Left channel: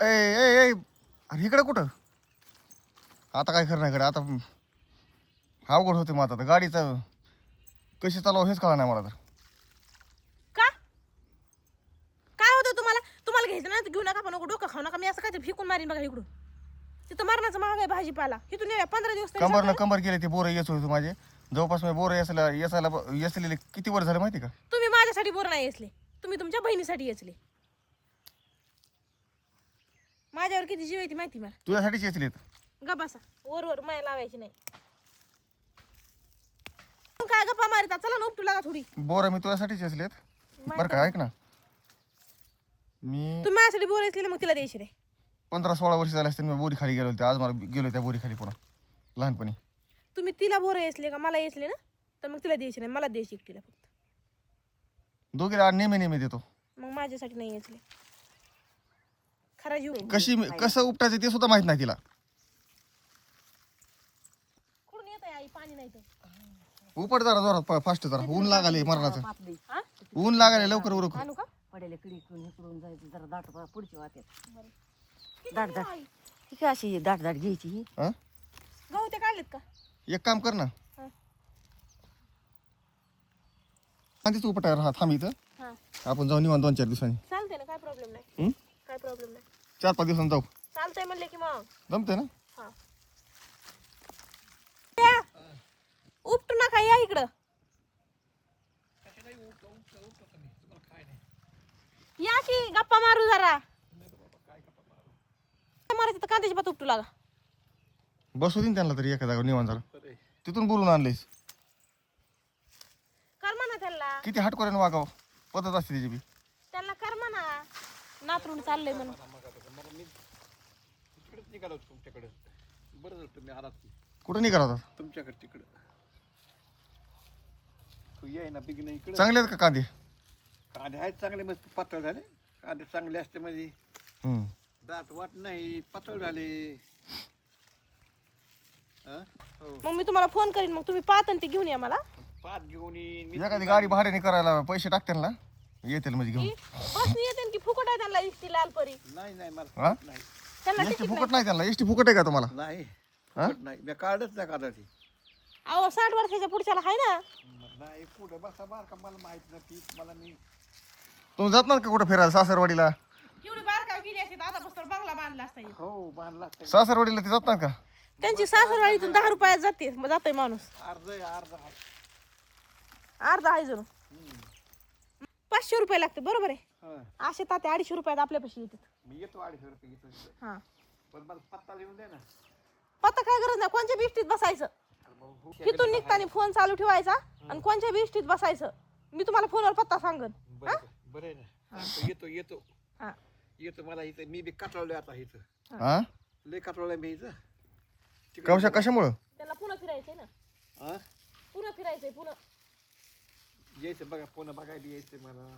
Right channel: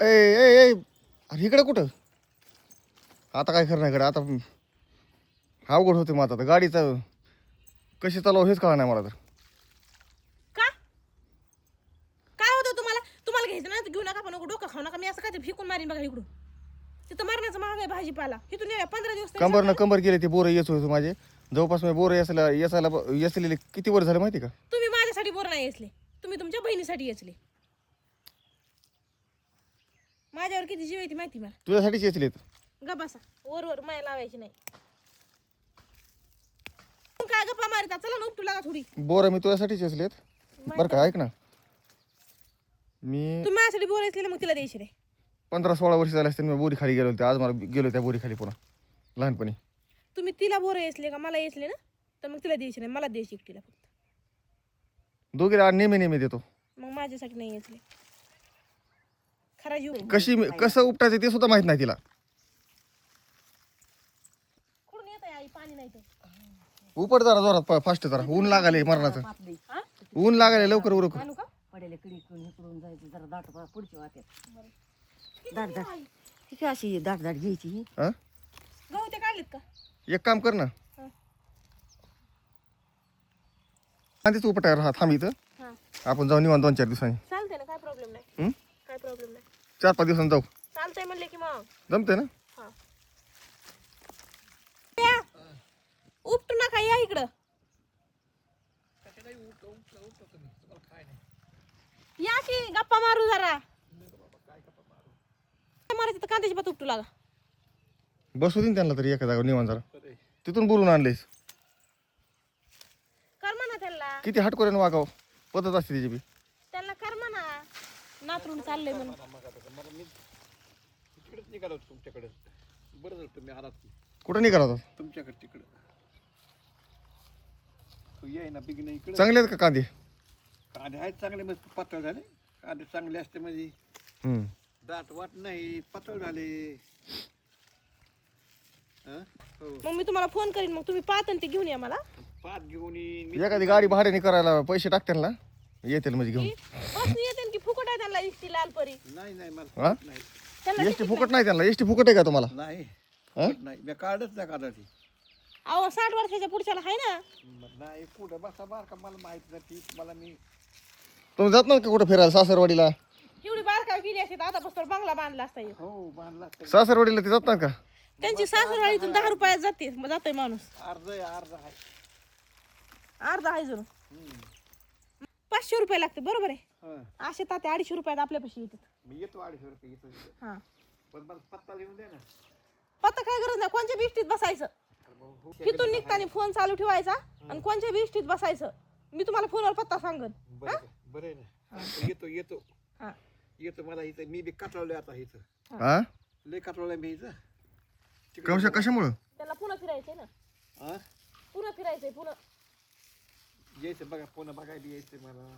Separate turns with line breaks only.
ए ए ए. अरे इकडं कुठं? आता काय करणार इकडे? आता अवघड होते मग आता. तर गाडीचा कशी चालव हेच कळा नाही मला तर.
का? काय होतं तुम्हाला? तुम्हाला घ्यायचं ना तर घेऊ नका पण नको डोकं खाऊ नका. मी असं काय फेकून मारीन बघा इकडून. तिथं मरणाचं महाग आहे भाजीपाला. इथून ये पंधरा दिवस तरी
कंबर न. कंबर गेले ते बोरं येत होते माझे. जवळपास मी बोरं यायला यायला येसलेले किती वर झालं माहिती का?
तुम्ही माझ्यासाठी बोर नाही येसले. तुम्ही तुमच्या बहिणीसाठी येचले माझ्यावर किती जीव येते माहिती मला.
तुझ्यासाठीच येचलेत
गा बसा. वर वर माया लावायची नाही. तुम्ही काय गप्पा मारिता? चला ना उपटू लागा थोडी.
बोरं मी तुझ्यासाठीच येचलेत बरं का ऐक ना. मी
तुम्ही माझ्यासाठी बोर येसले मग तिला द्यायची रे.
पंधरा सोळा वर्ष झाले असते मी बोरी खाली गेलो होते आज मला गेलो त्या बोरी खाली करून लहानपणी.
तुम्ही तिला बोर येसले का? मला येसले ना? तर मग तिला द्यायची नाही मला द्यायची एकटीला फक्त.
दोघीला नेहमी नेहमी देतो.
मग माझ्यासाठी नाही येसले. खरा जीव
कशी कसं उपटायचं ते सुद्धा माहीत नाही तिला.
कुठून येत आहे आई? पाणी नाही तर.
उपट जरा जोरात फास्ट जरा. ऊन लागाले मरणाचं.
पातळी
हा?
ऊन लागाले लवकर उरक.
आणू का?
पडेल इकडे इकडून इकडून जायचं. जरा दाट पा- पुढची
किती
दाट दाट.
आई?
अशी दाट दाट घ्यायची ही?
हा?
गहू ते काढलेत का?
एक काम कर ना.
हा.
आधीच उपट राहा. थांब इथं.
हा.
आपण जाऊन निवांत दोन चार दिवसांनी.
चालतंय ना काय प्रॉब्लेम नाही.
हं?
काय प्रॉब्लेम नाही.
चार पाच दिवसांनी जाऊ.
चालतंय म्हणले की मग.
जमते ना?
हा. या. उपटू नका या इकडं. या की गप्पा मारू जरा. काय मारायचं तर कांद्याची पात उपटू लागा.
बसू दे ना त्यांना तरी एका जागा निवांत जरा. तिथून बोलून आणलेस.
कर म्हणा त्यांना.
किती हटकोऱ्यानं वागाव. पद्धत असते त्याची बी.
नातरून चाललंय म्हणून.
तिकडेच निघालो तुमच्याकडे. बरं झालं तुम्ही आलात की.
कुठं निघाला होता?
तुमच्याकडे तिकडं. तू ये ना बिग नाही इकडे.
चांगले आहेत का कांदे?
कांदे आहेत चांगले मस्त पातळ झाले. कांदे चांगले असते म्हणजे.
हम्म.
दात वाट नाही पातळ झाले. हा? हो.
मग मी तुम्हाला फोन करीन मग तुम्ही पाहता ते घेऊन या मला.
पात घेऊन येईन मी
एखादी गाडी भाड्याने करायला पैसे टाकतील ना येतील म्हणजे
की
घेऊन
बसनी येते की फुकट त्यांना दिसती लाल परी.
नाही नाही
हा?
मला नाही.
त्यांना
एसटी
तिकीट नाही
फुकट नाही. त्यांना. एसटी फुकट आहे का तुम्हाला?
नाही
हा?
फुकट नाही. मी काढच नाही काढायची.
अहो साठ वर्षाच्या पुढच्याला आहे ना.
नाही कुठं बसा बार का मला माहीत नाही मला मी
तुम्ही जात ना का कुठं फिरायला सासरवाडीला?
एवढी बारकाव गेली असते आता पुस्तक बंगला बांधला असता
हो. बांधला असता.
सासरवाडीला ते जात ना का?
त्यांची सासरवाडीतून दहा रुपयात जाते मग जातोय माणूस.
अर्ध आहे, अर्ध आहे.
अर्धा आहे जणू.
हम्म.
पाचशे रुपये लागते बरोबर आहे.
हा.
असे ताते अडीचशे रुपयात आपल्यापाशी येतात.
मी येतो अडीचशे रुपये येतो इथं.
हा.
पण मला पत्ता लिहून दे ना.
पत्ता काय गरज नाही कोणत्या बिष्टीत बसायचं?
अरे भाऊ, हो.
तिथून निघताना फोन चालू ठेवायचा आणि कोणत्या बिष्टीत बसायचं? मी तुम्हाला फोनवर पत्ता सांगन.
बरं बरं आहे ना. तर येतो येतो.
हा.
येतो मला इथं. मी बी काटवलंय आता इथं.
हा.
लय काटवलंय मी इथं. तिकडे
कशा कशामुळं?
त्याला पुन्हा फिरायचंय ना.
हा?
पुन्हा फिरायचंय पुन्हा
यायचं बघा पुन्हा बघायला यायचं मला.